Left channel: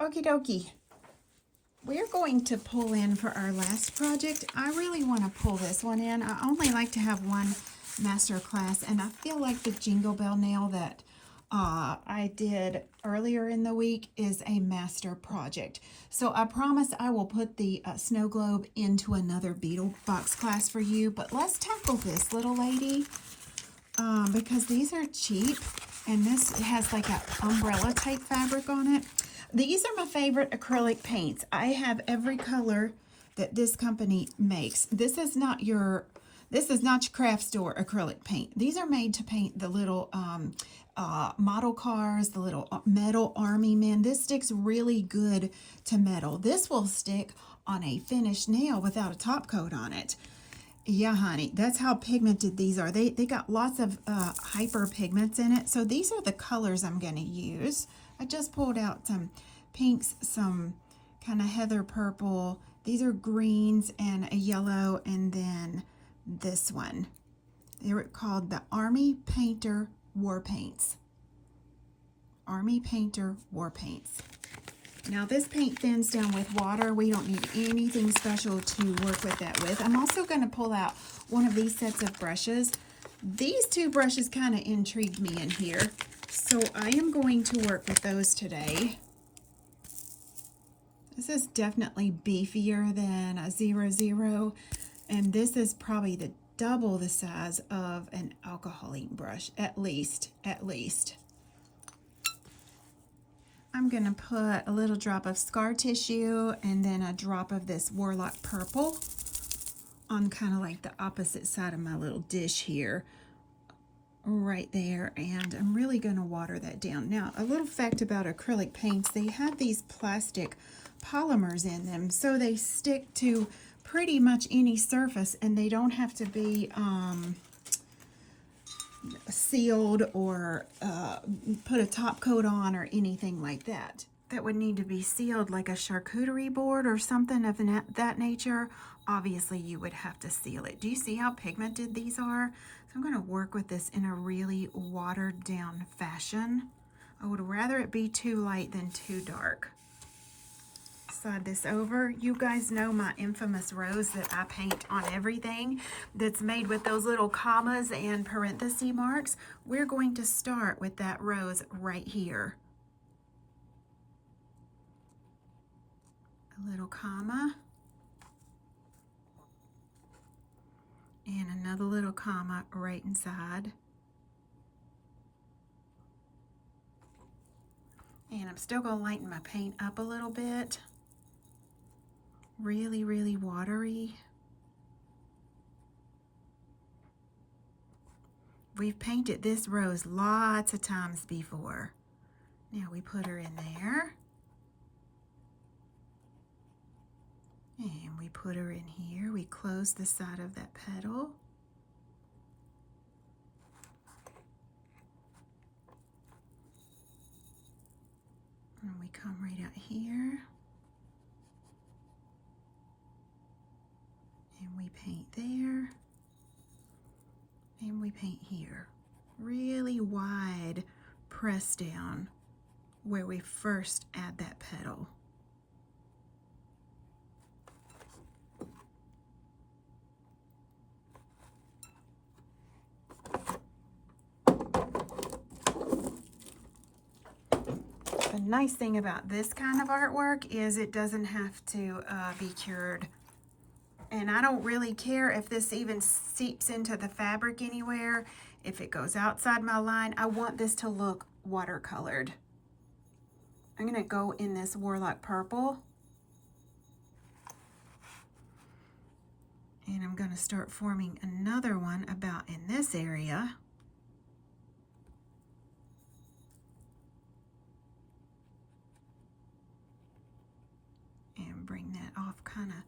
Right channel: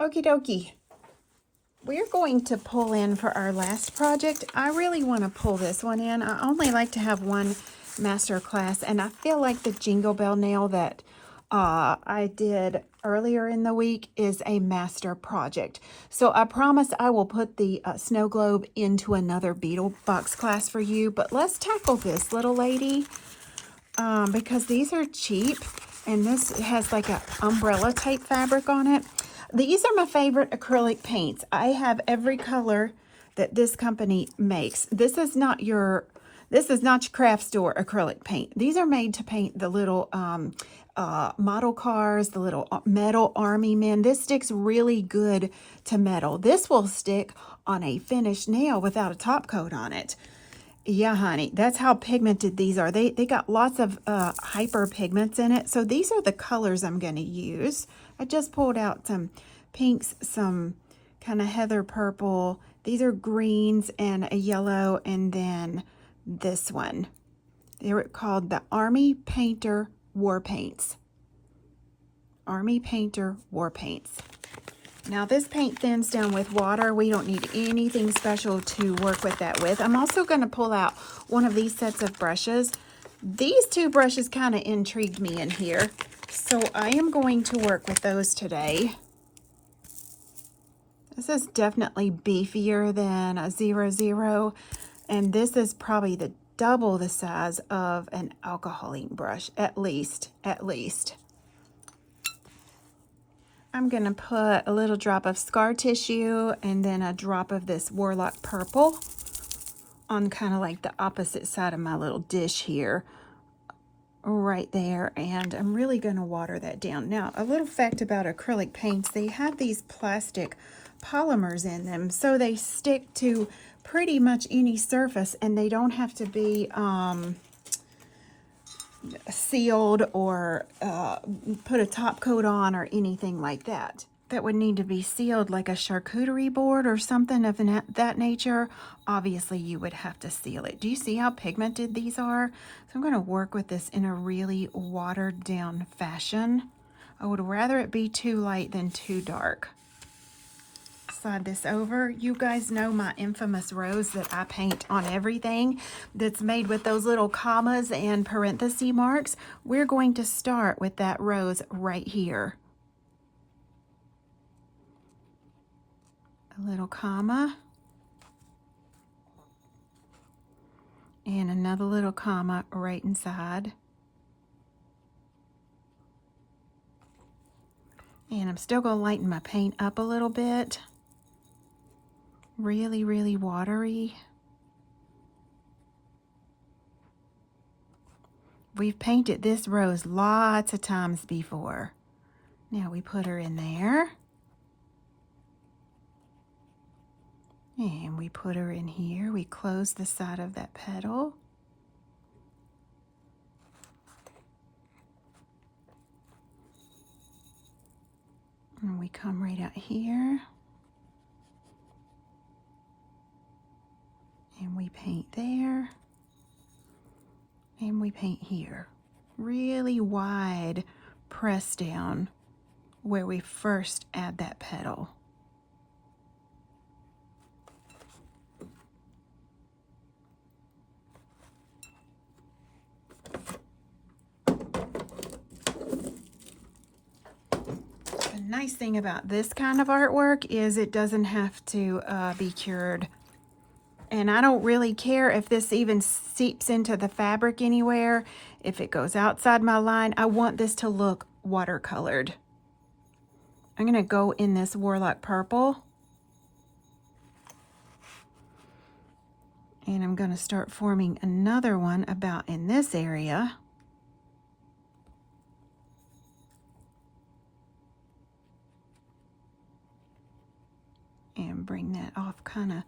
Okie dokie. We're going to pull in for our last project. I really want to pull this one in. I only like to have one master class, and I feel like the Jingle Bell nail that I did earlier in the week is a master project. So I promise I will put the snow globe into another beetle box class for you, but let's tackle this little lady because these are cheap, and this has like an umbrella type fabric on it. These are my favorite acrylic paints. I have every color that this company makes. This is not your craft store acrylic paint. These are made to paint the little model cars, the little metal army men. This sticks really good to metal. This will stick on a finished nail without a top coat on it. Yeah, honey, that's how pigmented these are. They got lots of hyper pigments in it. So these are the colors I'm going to use. I just pulled out some pinks, some kind of heather purple. These are greens and a yellow, and then this one. They're called the Army Painter War Paints. Army Painter War Paints. Now this paint thins down with water. We don't need anything special to work with that with. I'm also going to pull out one of these sets of brushes. These two brushes kind of intrigued me in here, so I am going to work with those today. This is definitely beefier than a 00, and this is probably the double the size of an alcohol ink brush, at least. I'm going to put a little drop of scar tissue and then a drop of this Warlock Purple on kind of like the opposite side of my little dish here, right there, and I'm really going to water that down. Now, a little fact about acrylic paints, they have these plastic polymers in them, so they stick to pretty much any surface, and they don't have to be sealed or put a top coat on or anything like that. That would need to be sealed, like a charcuterie board or something of that nature. Obviously you would have to seal it. Do you see how pigmented these are? So I'm going to work with this in a really watered down fashion. I would rather it be too light than too dark. Slide this over. You guys know my infamous rose that I paint on everything that's made with those little commas and parenthesis marks. We're going to start with that rose right here. A little comma and another little comma right inside. And I'm still going to lighten my paint up a little bit. Really, really watery. We've painted this rose lots of times before. Now we put her in there. And we put her in here. We close the side of that petal. And we come right out here. And we paint there. And we paint here. Really wide press down where we first add that petal. The nice thing about this kind of artwork is it doesn't have to be cured. And I don't really care if this even seeps into the fabric anywhere. If it goes outside my line, I want this to look watercolored. I'm going to go in this Warlock Purple. And I'm going to start forming another one about in this area. And bring that off kind of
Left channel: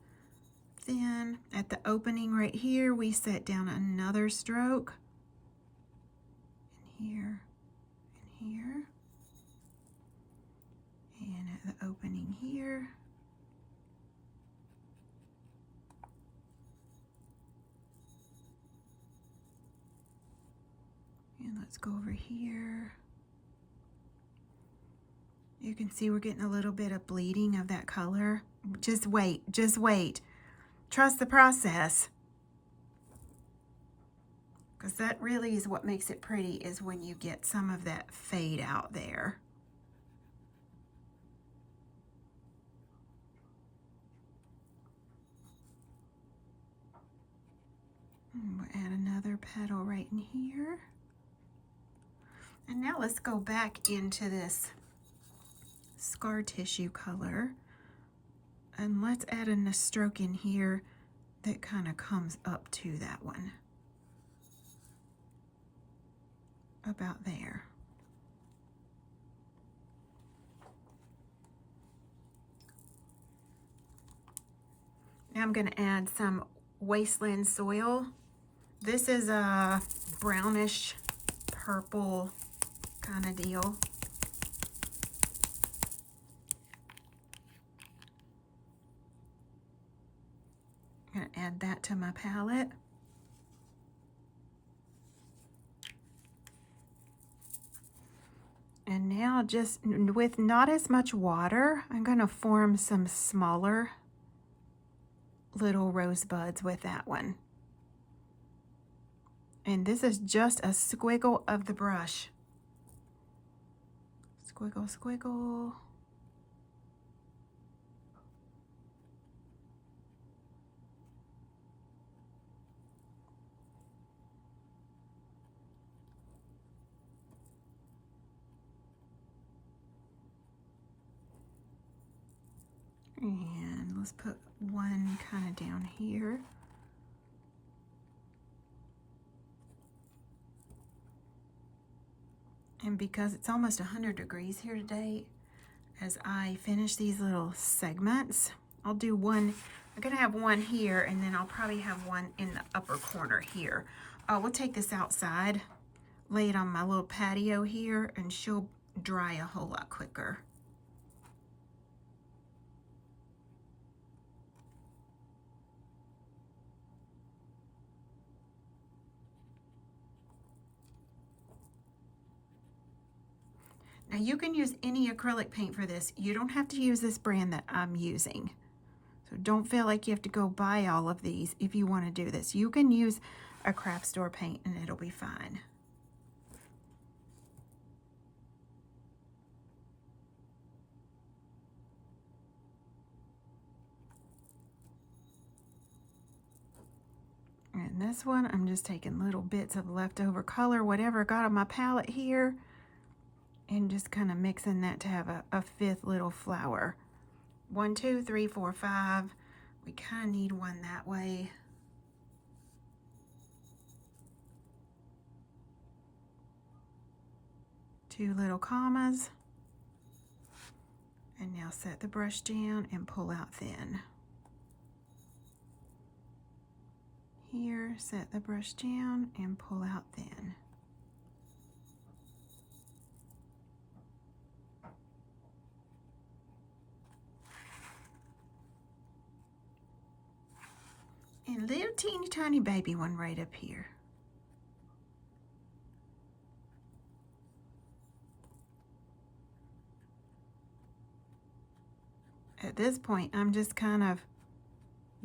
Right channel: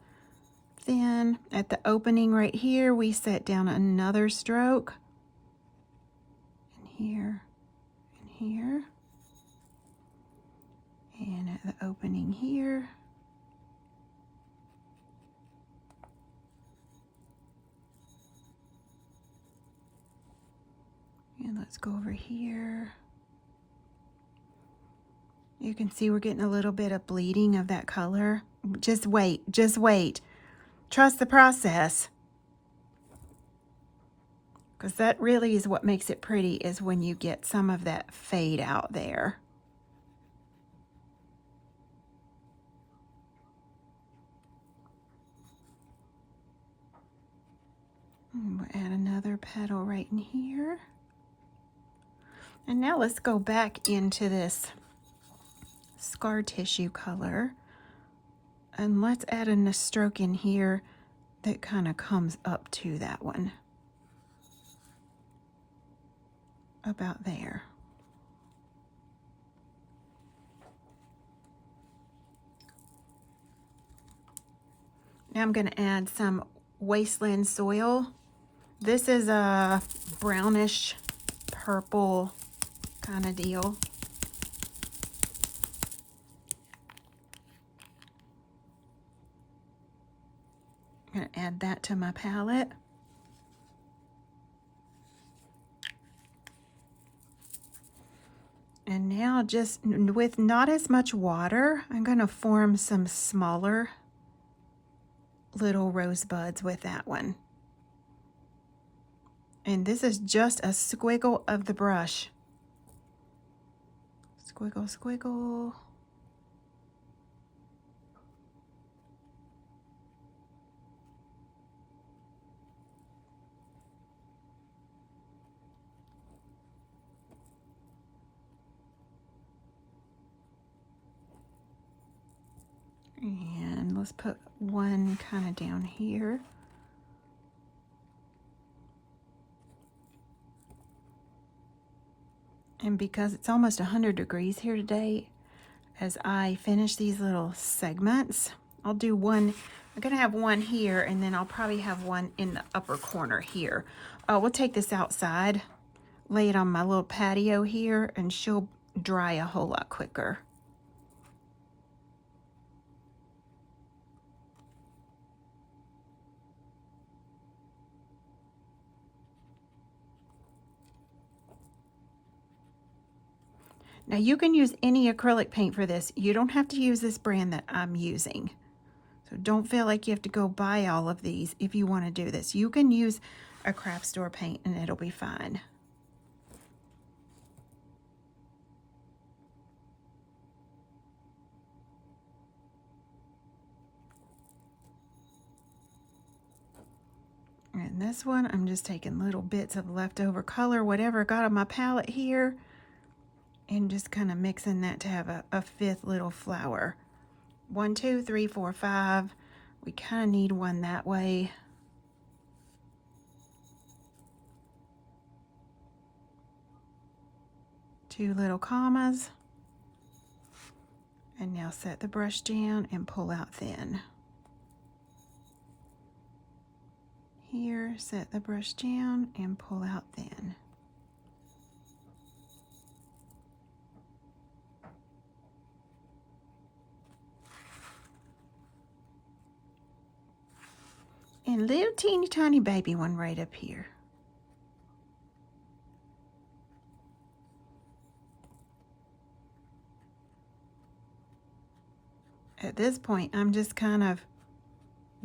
thin. At the opening right here, we set down another stroke. And here, and here. And at the opening here. And let's go over here. You can see we're getting a little bit of bleeding of that color. Just wait, just wait. Trust the process. Because that really is what makes it pretty, is when you get some of that fade out there. And we'll add another petal right in here. And now let's go back into this scar tissue color. And let's add a stroke in here that kind of comes up to that one. About there. Now I'm going to add some wasteland soil. This is a brownish purple kind of deal. I'm going to add that to my palette. And now, just with not as much water, I'm going to form some smaller little rosebuds with that one. And this is just a squiggle of the brush. Squiggle, squiggle. And let's put one kind of down here. And because it's almost 100 degrees here today, as I finish these little segments, I'll do one. I'm going to have one here, and then I'll probably have one in the upper corner here. We'll take this outside, lay it on my little patio here, and she'll dry a whole lot quicker. Now you can use any acrylic paint for this. You don't have to use this brand that I'm using. So don't feel like you have to go buy all of these if you want to do this. You can use a craft store paint and it'll be fine. And this one, I'm just taking little bits of leftover color, whatever I got on my palette here, and just kind of mixing that to have a fifth little flower. 1, 2, 3, 4, 5. We kind of need one that way. Two little commas. And now set the brush down and pull out thin. Here, set the brush down and pull out thin. And a little teeny tiny baby one right up here. At this point, I'm just kind of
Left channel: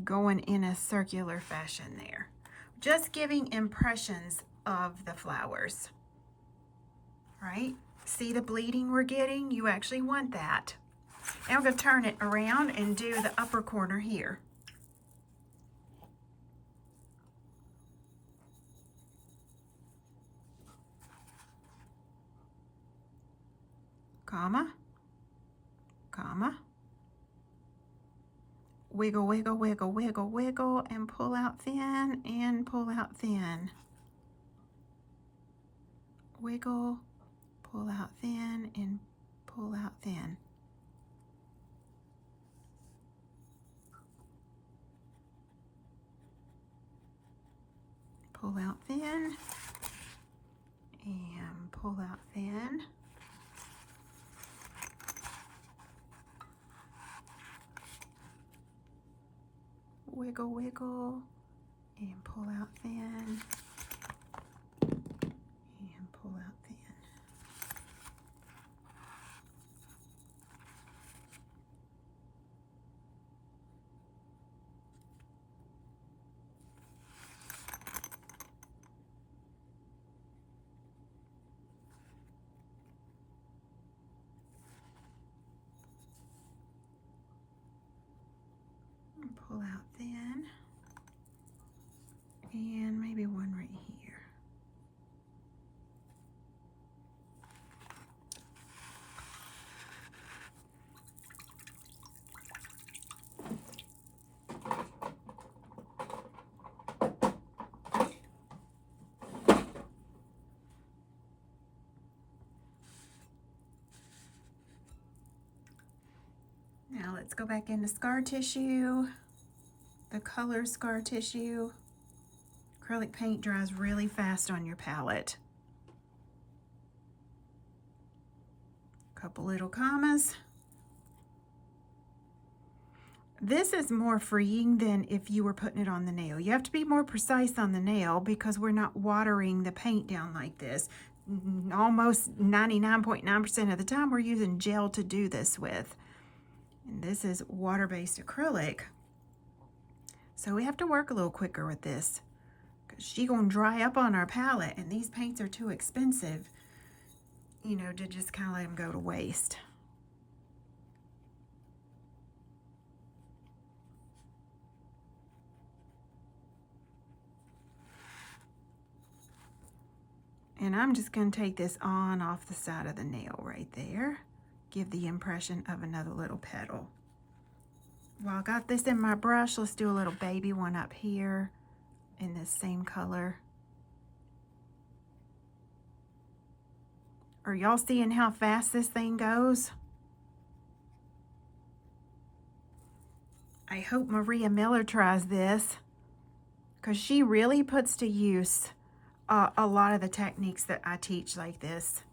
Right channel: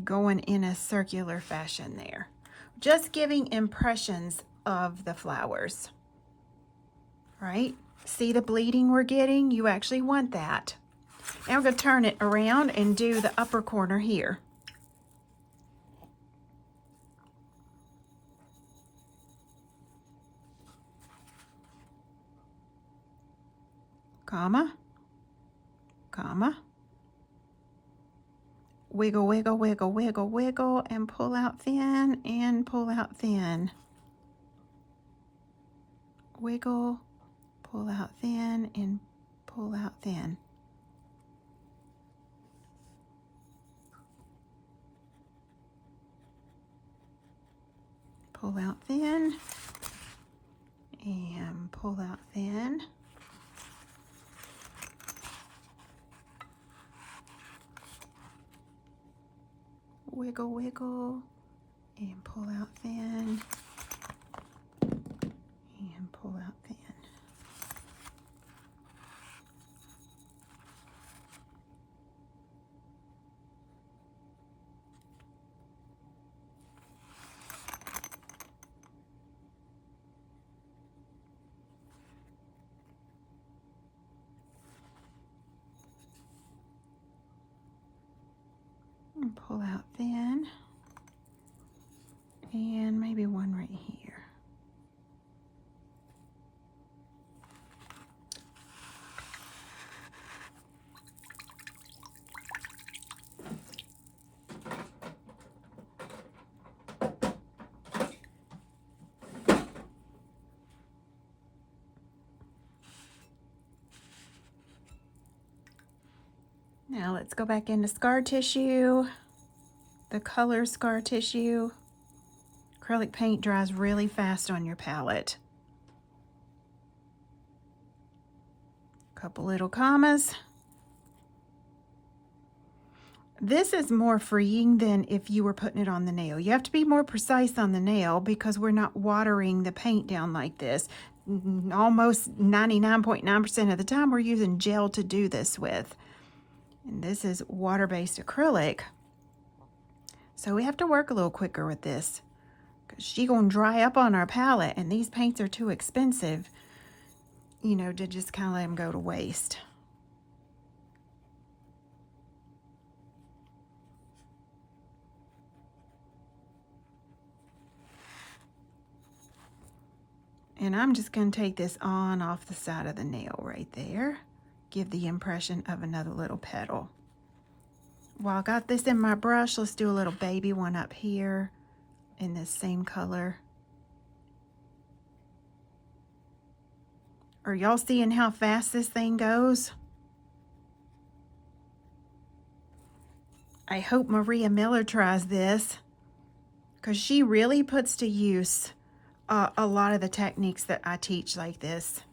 going in a circular fashion there. Just giving impressions of the flowers, right? See the bleeding we're getting? You actually want that. Now I'm going to turn it around and do the upper corner here. Comma, comma. Wiggle, wiggle, wiggle, wiggle, wiggle, and pull out thin, and pull out thin. Wiggle, pull out thin, and pull out thin. Pull out thin, and pull out thin. Wiggle, wiggle, and pull out thin, and pull out thin. pull out then. And maybe one right here. Now let's go back into scar tissue, the color scar tissue. Acrylic paint dries really fast on your palette. Couple little commas. This is more freeing than if you were putting it on the nail. You have to be more precise on the nail because we're not watering the paint down like this. Almost 99.9% of the time we're using gel to do this with. And this is water-based acrylic. So we have to work a little quicker with this because she's gonna dry up on our palette, and these paints are too expensive, you know, to just kind of let them go to waste. And I'm just going to take this on off the side of the nail right there. Give the impression of another little petal. While I got this in my brush, let's do a little baby one up here in this same color. Are y'all seeing how fast this thing goes? I hope Maria Miller tries this because she really puts to use a lot of the techniques that I teach like this.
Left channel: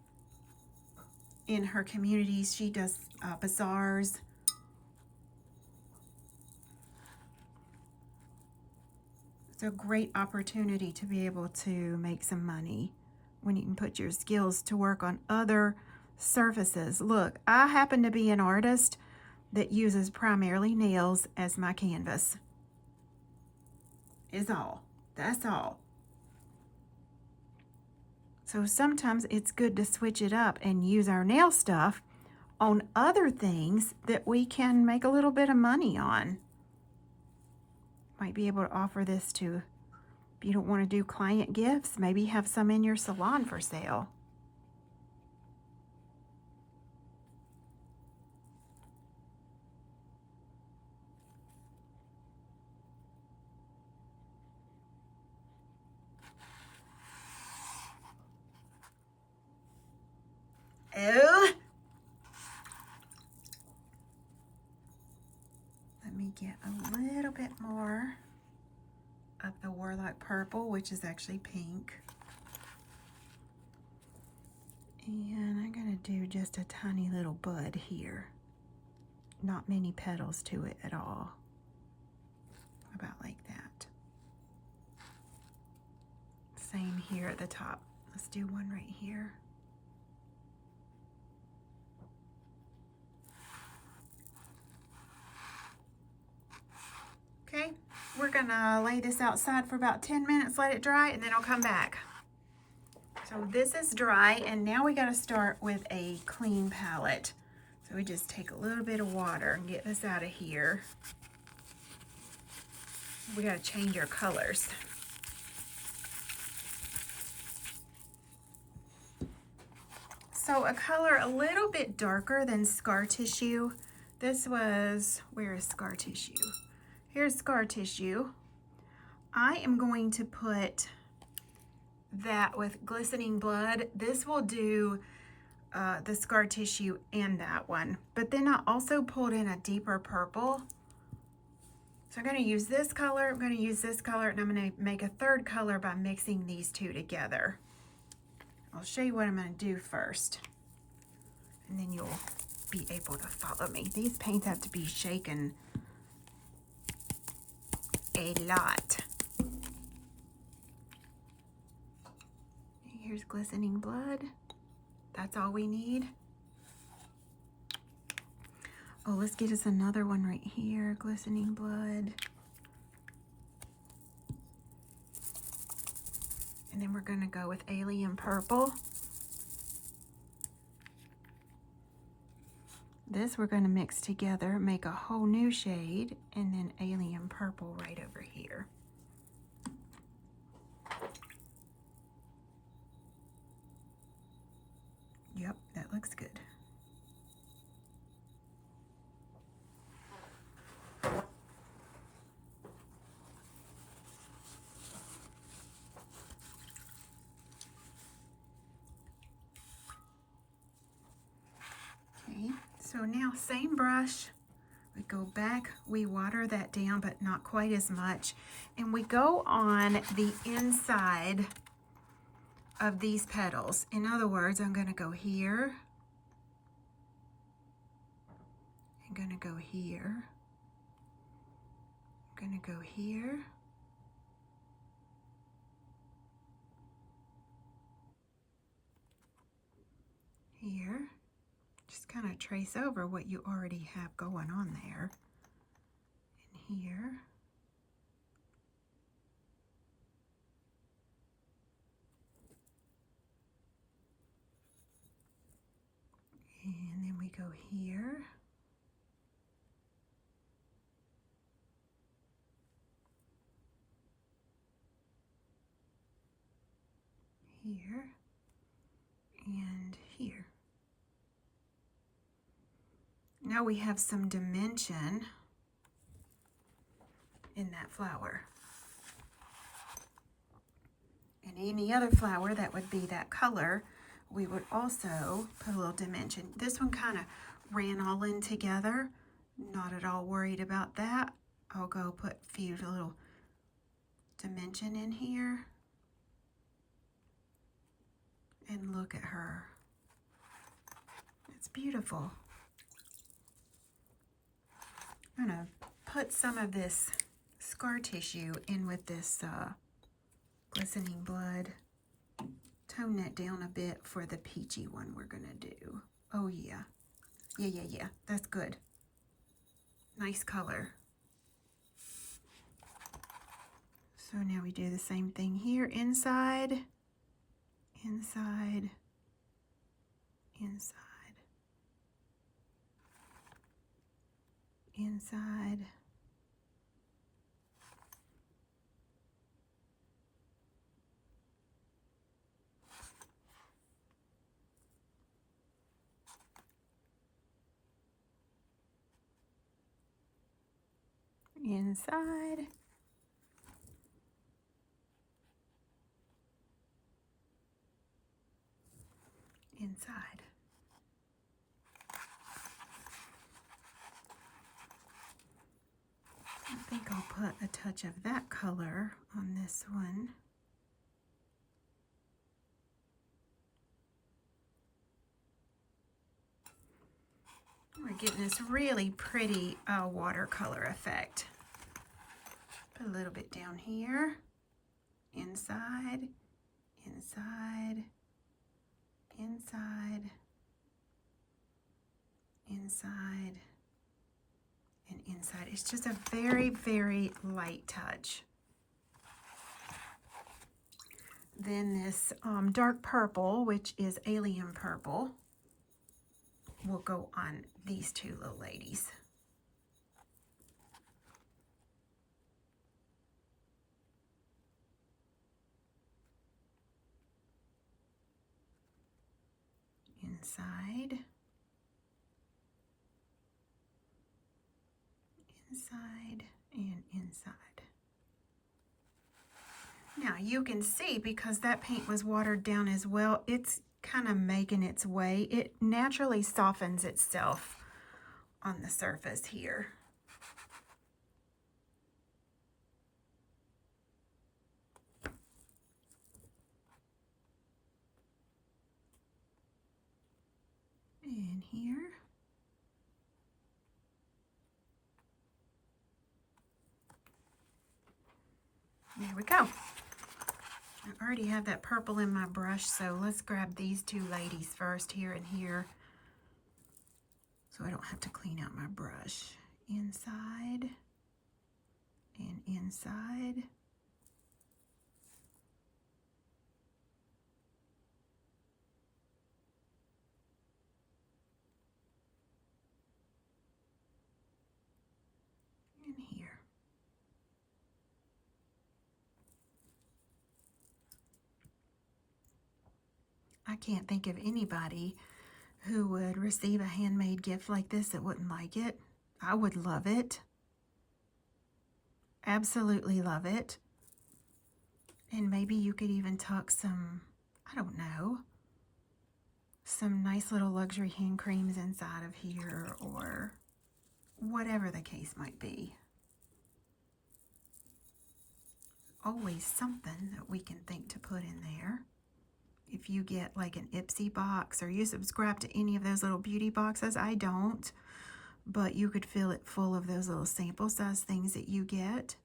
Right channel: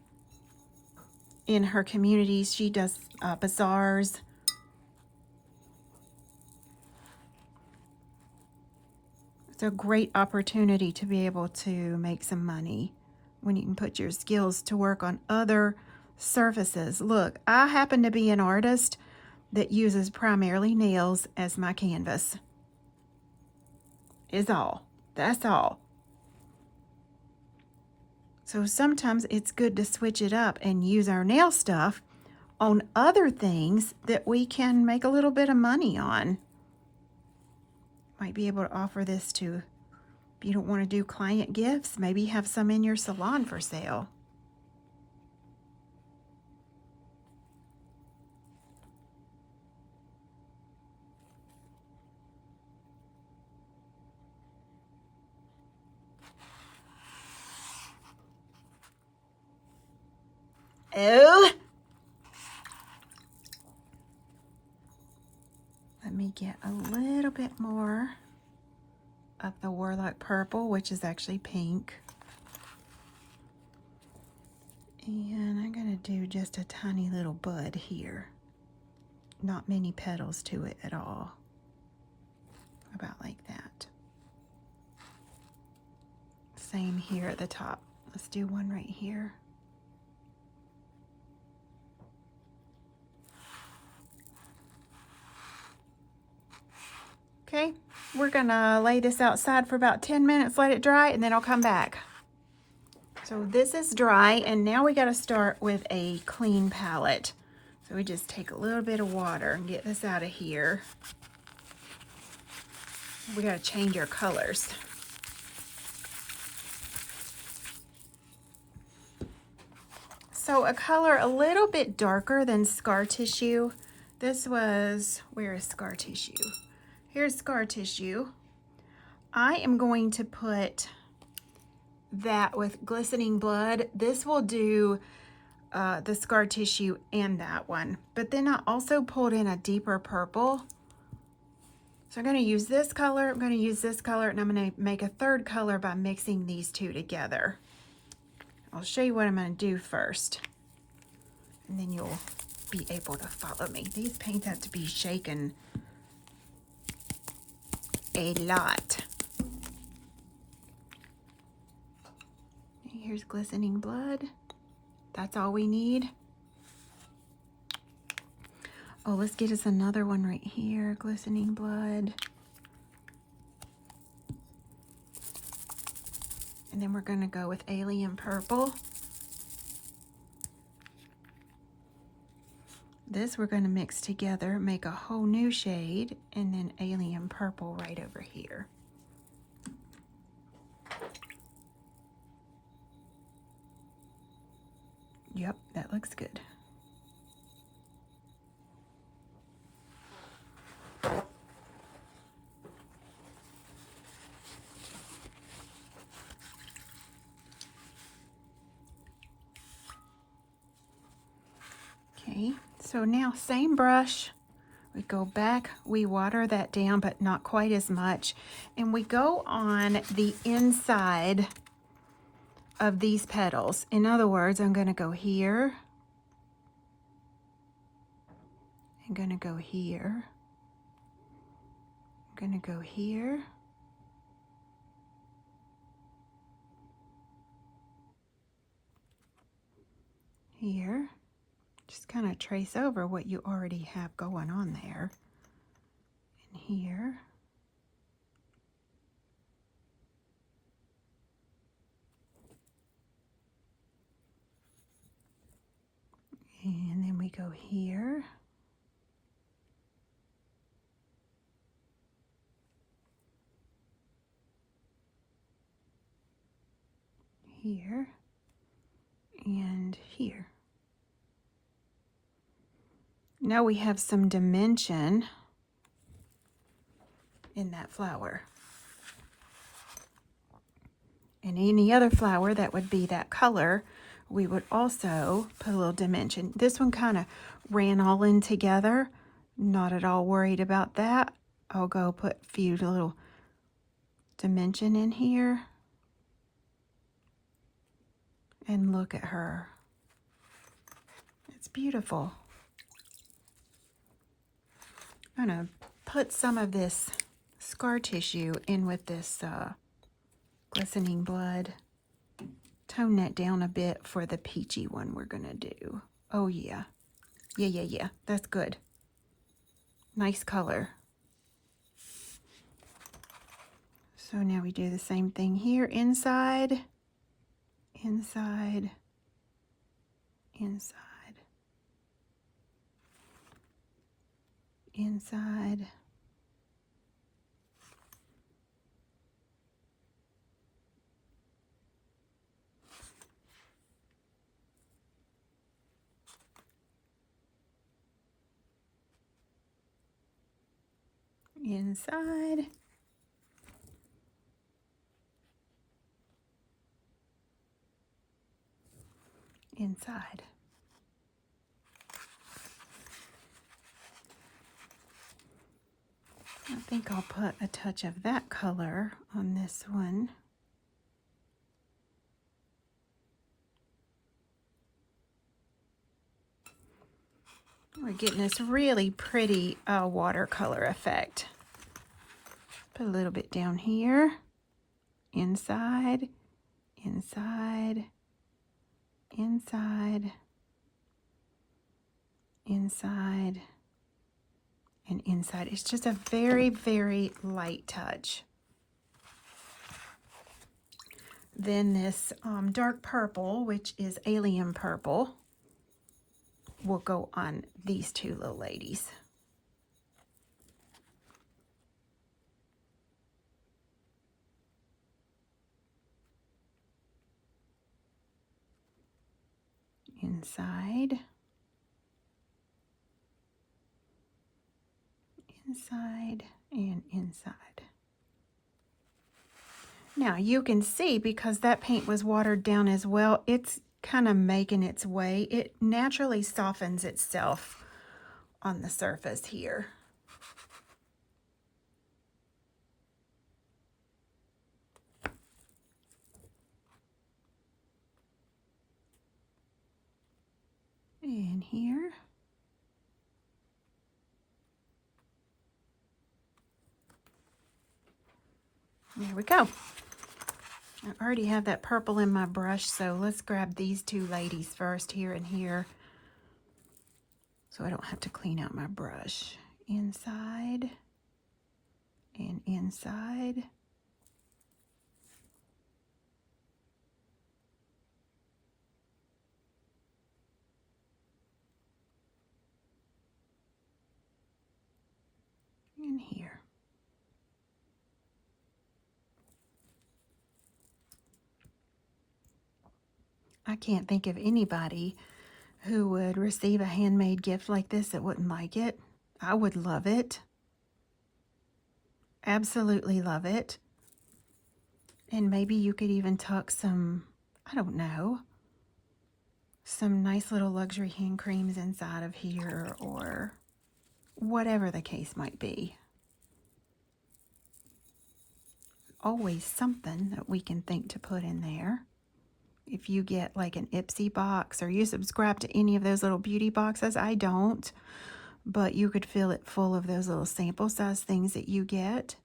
In her communities, she does bazaars. It's a great opportunity to be able to make some money when you can put your skills to work on other surfaces. Look, I happen to be an artist that uses primarily nails as my canvas. Is all. That's all. So sometimes it's good to switch it up and use our nail stuff on other things that we can make a little bit of money on. Might be able to offer this to, if you don't want to do client gifts, maybe have some in your salon for sale. Oh! Let me get a little bit more of the Warlock Purple, which is actually pink. And I'm going to do just a tiny little bud here. Not many petals to it at all. About like that. Same here at the top. Let's do one right here. Okay, we're gonna lay this outside for about 10 minutes, let it dry, and then I'll come back. So this is dry, and now we gotta start with a clean palette. So we just take a little bit of water and get this out of here. We gotta change our colors. So a color a little bit darker than scar tissue. This was, where is scar tissue? Here's scar tissue. I am going to put that with glistening blood. This will do the scar tissue and that one. But then I also pulled in a deeper purple. So I'm going to use this color, I'm going to use this color, and I'm going to make a third color by mixing these two together. I'll show you what I'm going to do first, and then you'll be able to follow me. These paints have to be shaken a lot. Here's glistening blood. That's all we need. Oh, let's get us another one right here. Glistening blood. And then we're going to go with alien purple. This we're going to mix together, make a whole new shade, and then alien purple right over here. Yep, that looks good. Okay, so now same brush. We go back, we water that down, but not quite as much. And we go on the inside of these petals. In other words, I'm gonna go here. I'm gonna go here. I'm gonna go here. Here. Just kind of trace over what you already have going on there. And here. And then we go here. Here. And here. Now we have some dimension in that flower. And any other flower that would be that color, we would also put a little dimension. This one kind of ran all in together. Not at all worried about that. I'll go put a few little dimension in here. And look at her. It's beautiful. I'm gonna put some of this scar tissue in with this glistening blood. Tone that down a bit for the peachy one we're gonna do. Oh yeah. Yeah. That's good. Nice color. So now we do the same thing here. Inside, inside, inside, inside. Inside. Inside. I think I'll put a touch of that color on this one. We're getting this really pretty watercolor effect. Put a little bit down here. Inside, inside, inside, inside, and inside. It's just a very, very light touch. Then this dark purple, which is alien purple, will go on these two little ladies. Inside, inside, and inside. Now you can see, because that paint was watered down as well, it's kind of making its way. It naturally softens itself on the surface here. And here. There we go. I already have that purple in my brush, so let's grab these two ladies first, here and here, so I don't have to clean out my brush. Inside and inside. I can't think of anybody who would receive a handmade gift like this that wouldn't like it. I would love it. Absolutely love it. And maybe you could even tuck some, I don't know, some nice little luxury hand creams inside of here, or whatever the case might be. Always something that we can think to put in there. If you get like an Ipsy box, or you subscribe to any of those little beauty boxes, I don't, but you could fill it full of those little sample size things that you get.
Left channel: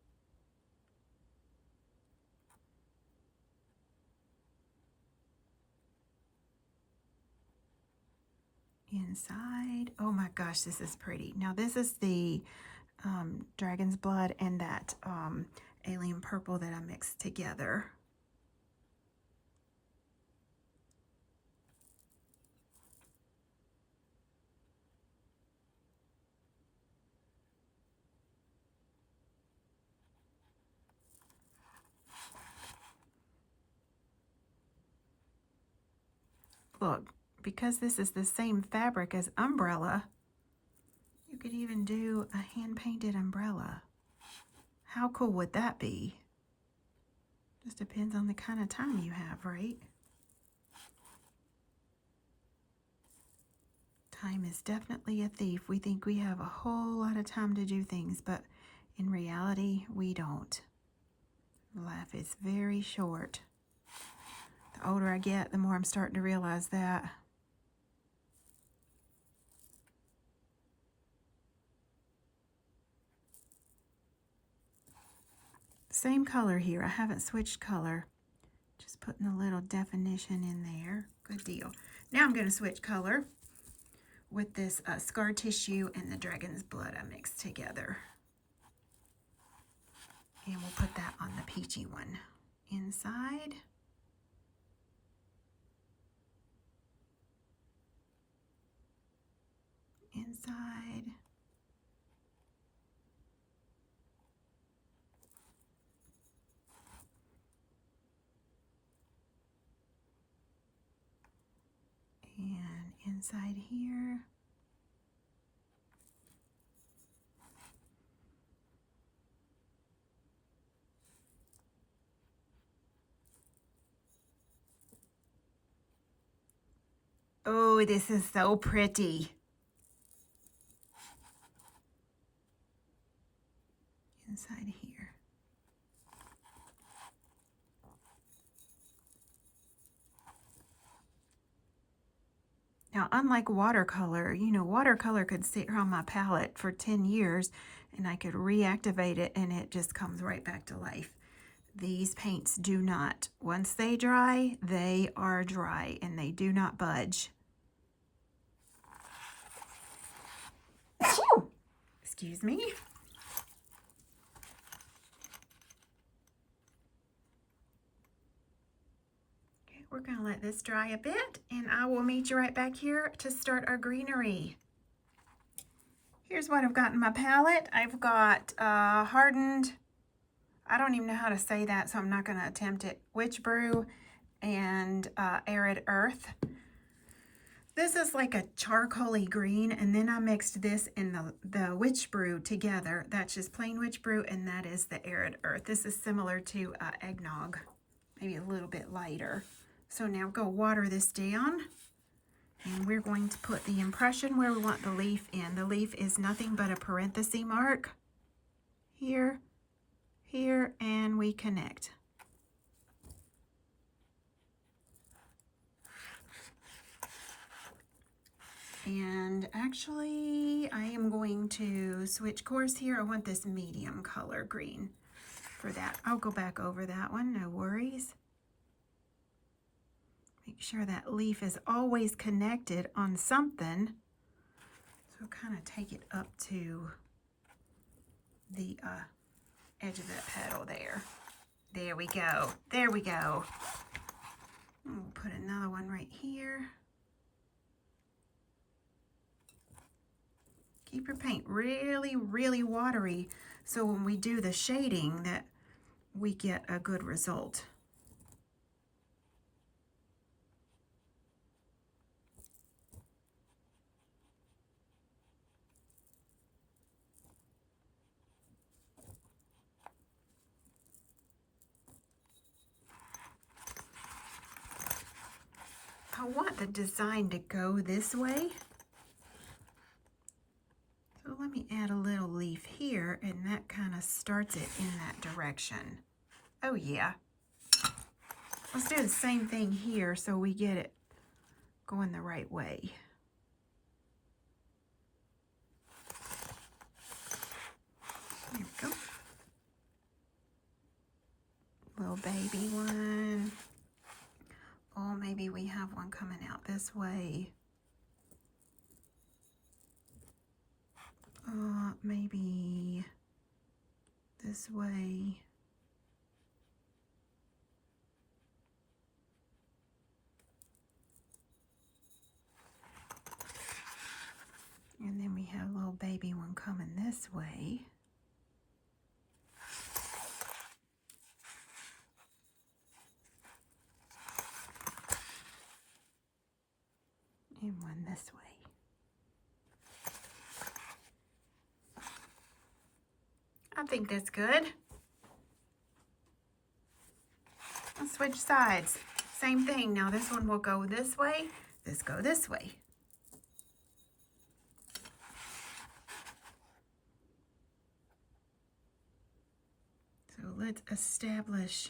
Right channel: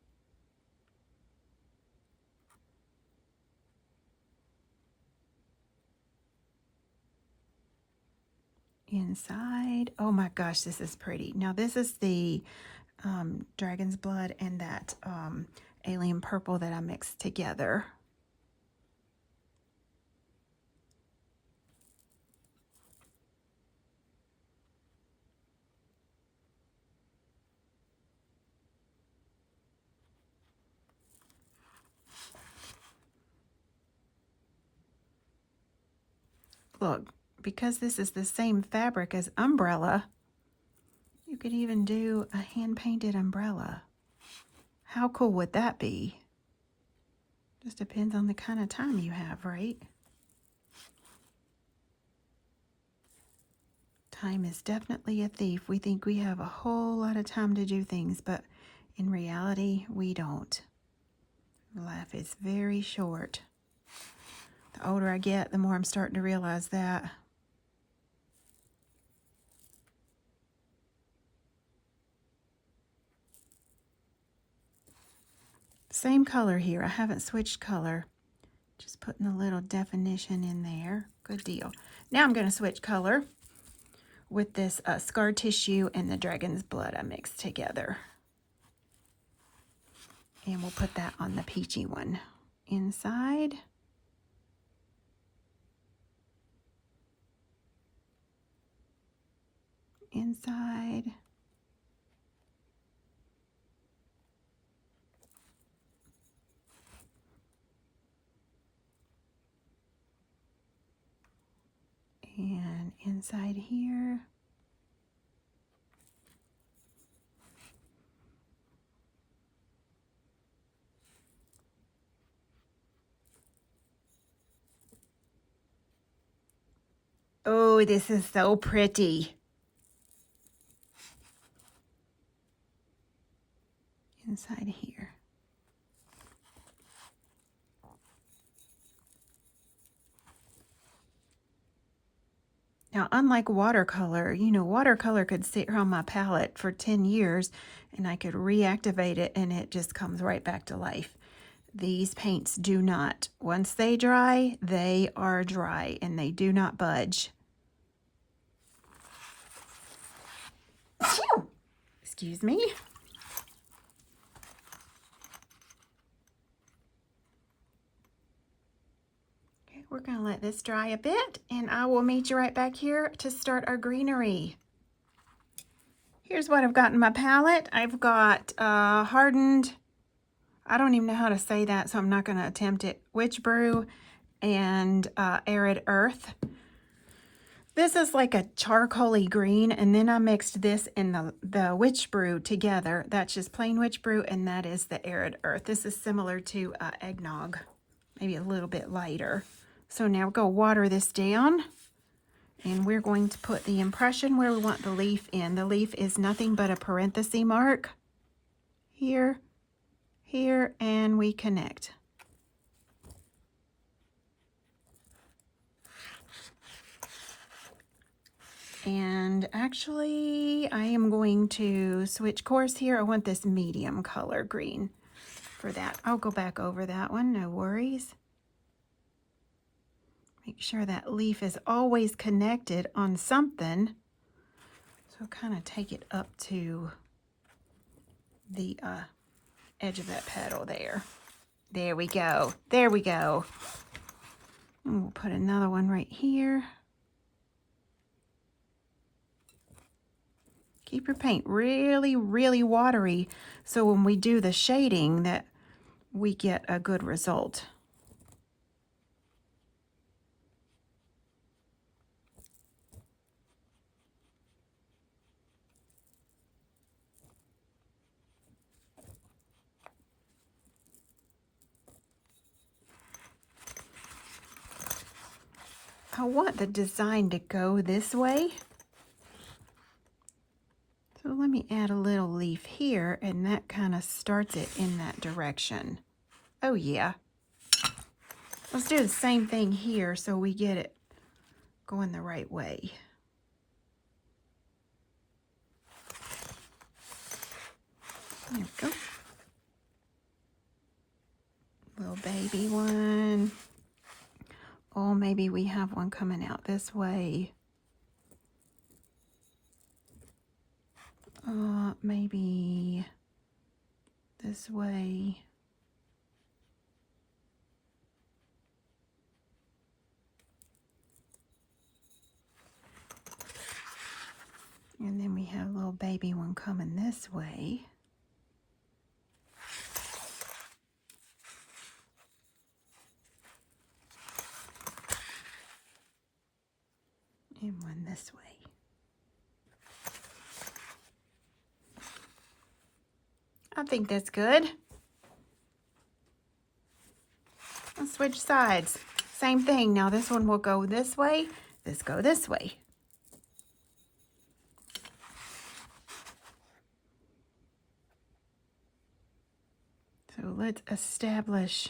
Inside, oh my gosh, this is pretty. Now this is the dragon's blood and that alien purple that I mixed together. Look, because this is the same fabric as umbrella, you could even do a hand-painted umbrella. How cool would that be? Just depends on the kind of time you have, right? Time is definitely a thief. We think we have a whole lot of time to do things, but in reality, we don't. Life is very short. The older I get, the more I'm starting to realize that. Same color here. I haven't switched color. Just putting a little definition in there. Good deal. Now I'm going to switch color with this scar tissue and the dragon's blood I mixed together. And we'll put that on the peachy one. Inside. Inside. And inside here. Oh, this is so pretty. Inside here. Now, unlike watercolor, you know, watercolor could sit here on my palette for 10 years and I could reactivate it and it just comes right back to life. These paints do not. Once they dry, they are dry and they do not budge. Phew! Excuse me. Okay, we're going to let this dry a bit and I will meet you right back here to start our greenery. Here's what I've got in my palette. I've got hardened, I don't even know how to say that, so I'm not going to attempt it, witch brew and arid earth. This is like a charcoaly green, and then I mixed this and the witch brew together. That's just plain witch brew, and that is the arid earth. This is similar to eggnog, maybe a little bit lighter. So now we're going to water this down, and we're going to put the impression where we want the leaf in. The leaf is nothing but a parenthesis mark here, here, and we connect. And actually, I am going to switch course here. I want this medium color green for that. I'll go back over that one, no worries. Make sure that leaf is always connected on something. So kind of take it up to the edge of that petal there. There we go. There we go. And we'll put another one right here. Keep your paint really, really watery so when we do the shading that we get a good result. I want the design to go this way. So let me add a little leaf here, and that kind of starts it in that direction. Oh yeah. Let's do the same thing here so we get it going the right way. There we go. Little baby one. Oh, maybe we have one coming out this way. Maybe this way. And then we have a little baby one coming this way. And one this way. I think that's good. Let's switch sides. Same thing. Now this one will go this way. This go this way. So let's establish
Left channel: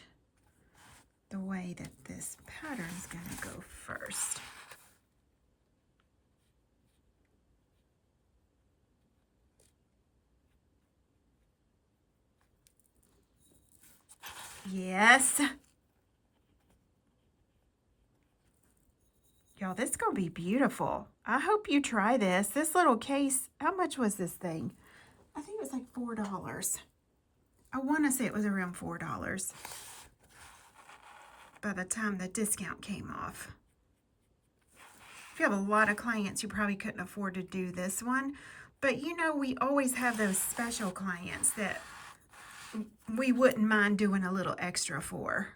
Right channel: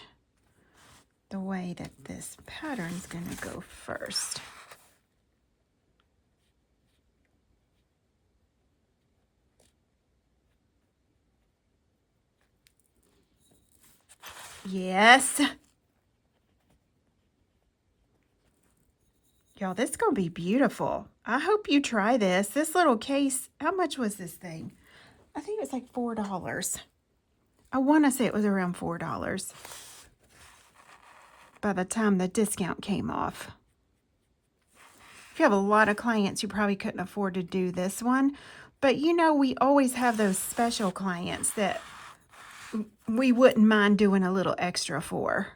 the way that this pattern's going to go first. Yes. Y'all, this is going to be beautiful. I hope you try this. This little case, how much was this thing? I think it's like $4. I want to say it was around $4 by the time the discount came off. If you have a lot of clients, you probably couldn't afford to do this one. But you know, we always have those special clients that we wouldn't mind doing a little extra for.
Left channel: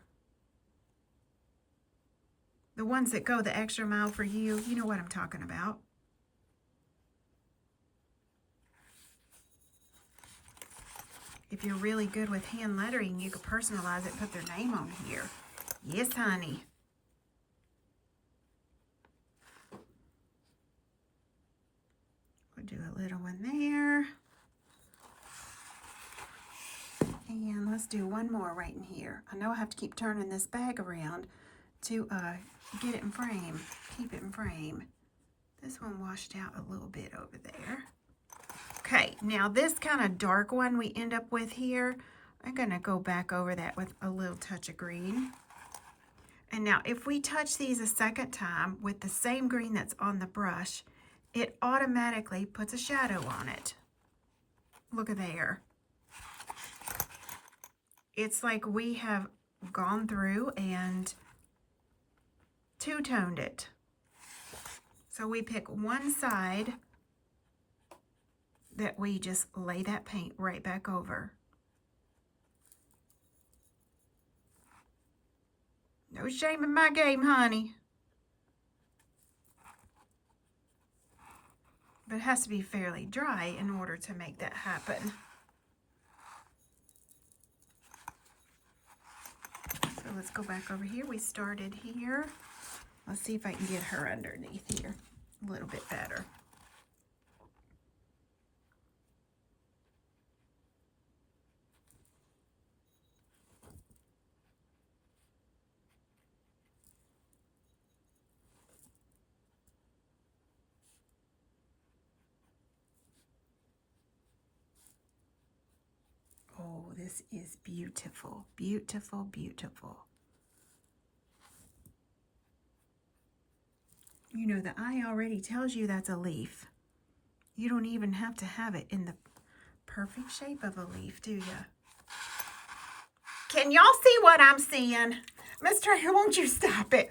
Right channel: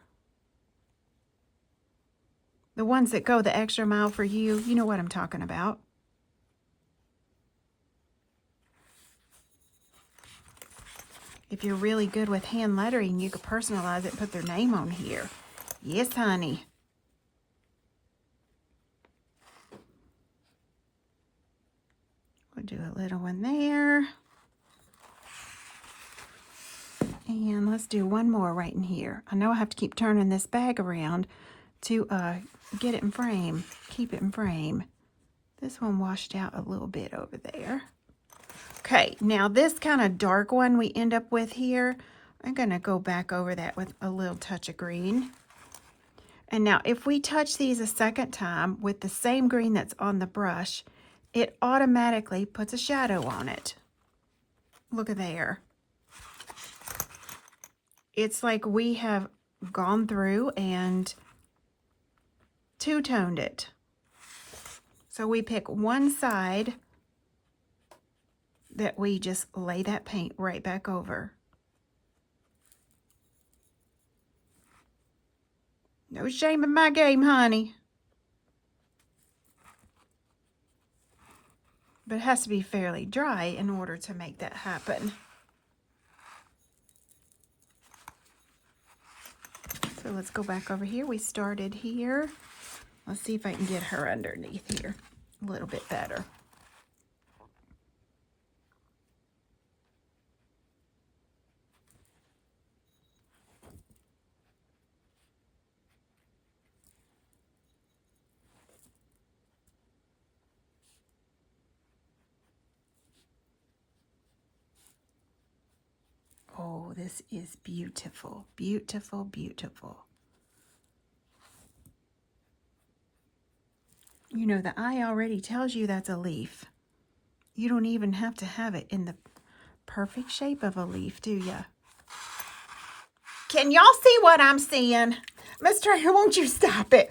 The ones that go the extra mile for you, you know what I'm talking about. If you're really good with hand lettering, you could personalize it, put their name on here. Yes, honey. We'll do a little one there. And let's do one more right in here. I know I have to keep turning this bag around to get it in frame, keep it in frame. This one washed out a little bit over there. Okay, now this kind of dark one we end up with here, I'm gonna go back over that with a little touch of green. And now if we touch these a second time with the same green that's on the brush, it automatically puts a shadow on it. Look at there. It's like we have gone through and two-toned it. So we pick one side that we just lay that paint right back over. No shame in my game, honey. But it has to be fairly dry in order to make that happen. So let's go back over here. We started here. Let's see if I can get her underneath here a little bit better. Oh, this is beautiful, beautiful, beautiful. You know, the eye already tells you that's a leaf. You don't even have to have it in the perfect shape of a leaf, do you? Can y'all see what I'm seeing? Miss Trader, won't you stop it?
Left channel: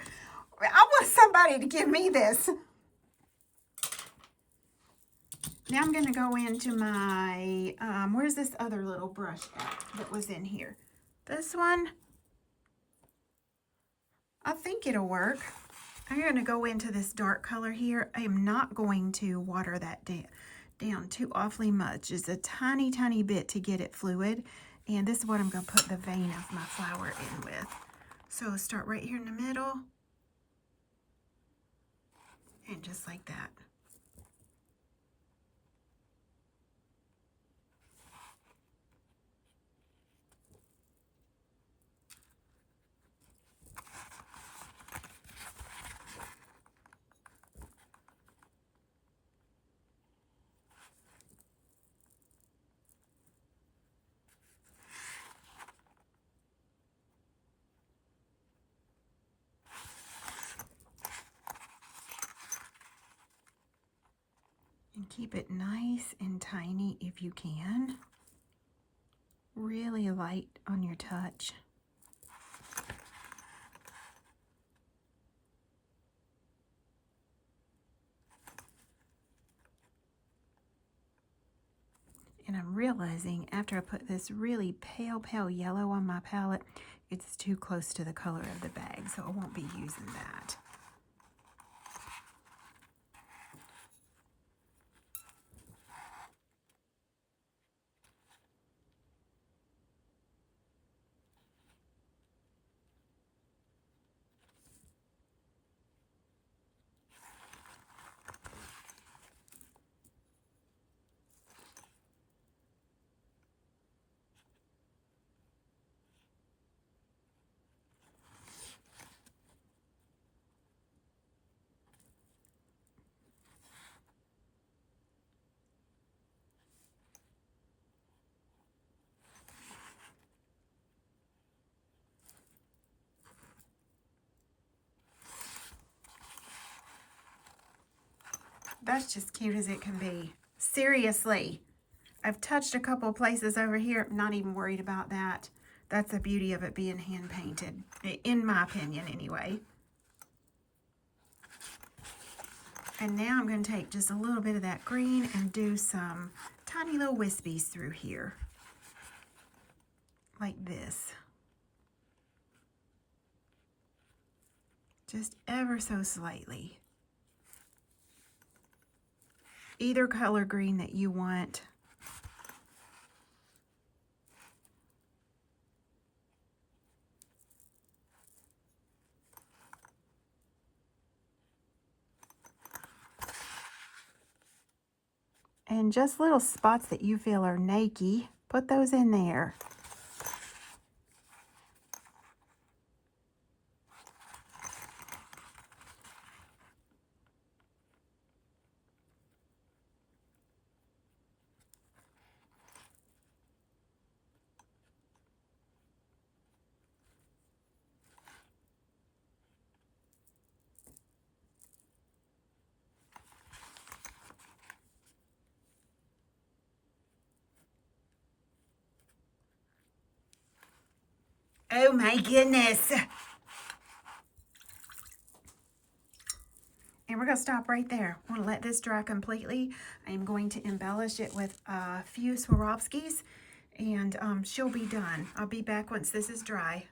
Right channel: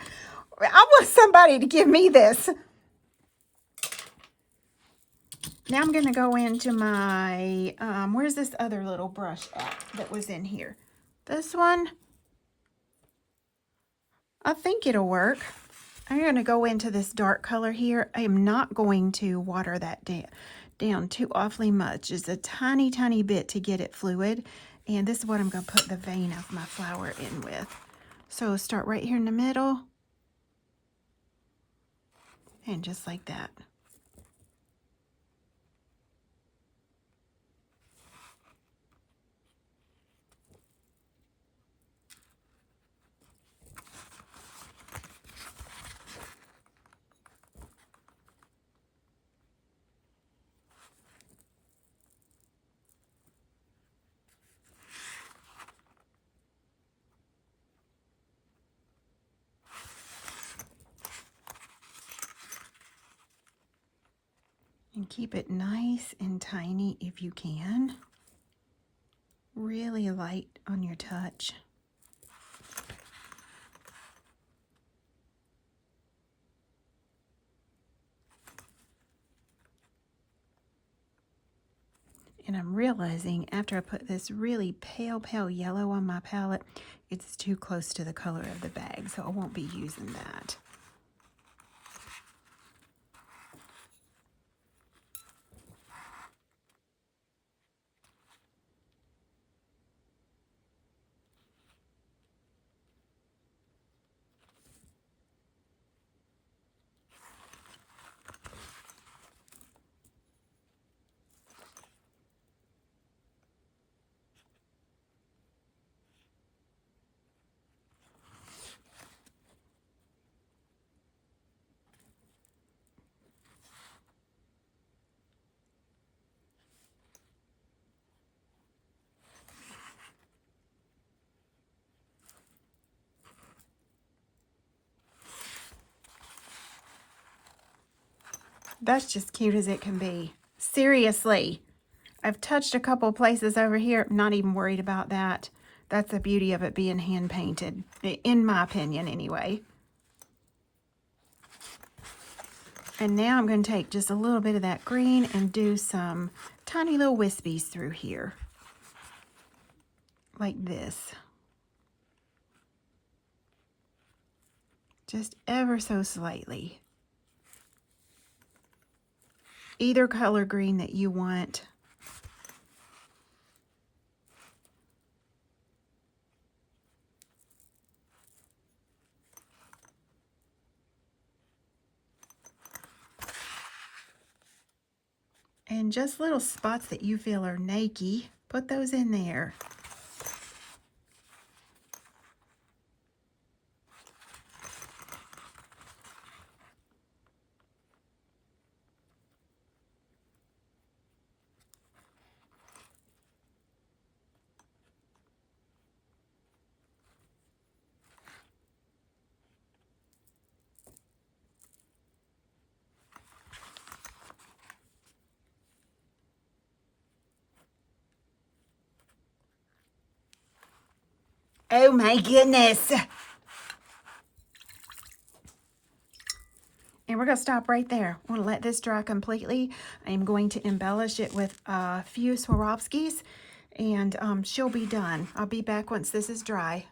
I want somebody to give me this. Now I'm going to go into my, where's this other little brush at that was in here? This one? I think it'll work. I'm going to go into this dark color here. I am not going to water that down too awfully much. Just a tiny, tiny bit to get it fluid. And this is what I'm going to put the vein of my flower in with. So start right here in the middle. And just like that. And keep it nice and tiny if you can. Really light on your touch. And I'm realizing after I put this really pale, pale yellow on my palette, it's too close to the color of the bag, so I won't be using that. That's just cute as it can be. Seriously. I've touched a couple places over here. I'm not even worried about that. That's the beauty of it being hand painted, in my opinion anyway. And now I'm going to take just a little bit of that green and do some tiny little wispies through here. Like this. Just ever so slightly. Either color green that you want. And just little spots that you feel are naked, put those in there. Oh my goodness. And we're going to stop right there. We're going to let this dry completely. I'm going to embellish it with a few Swarovskis, and she'll be done. I'll be back once this is dry.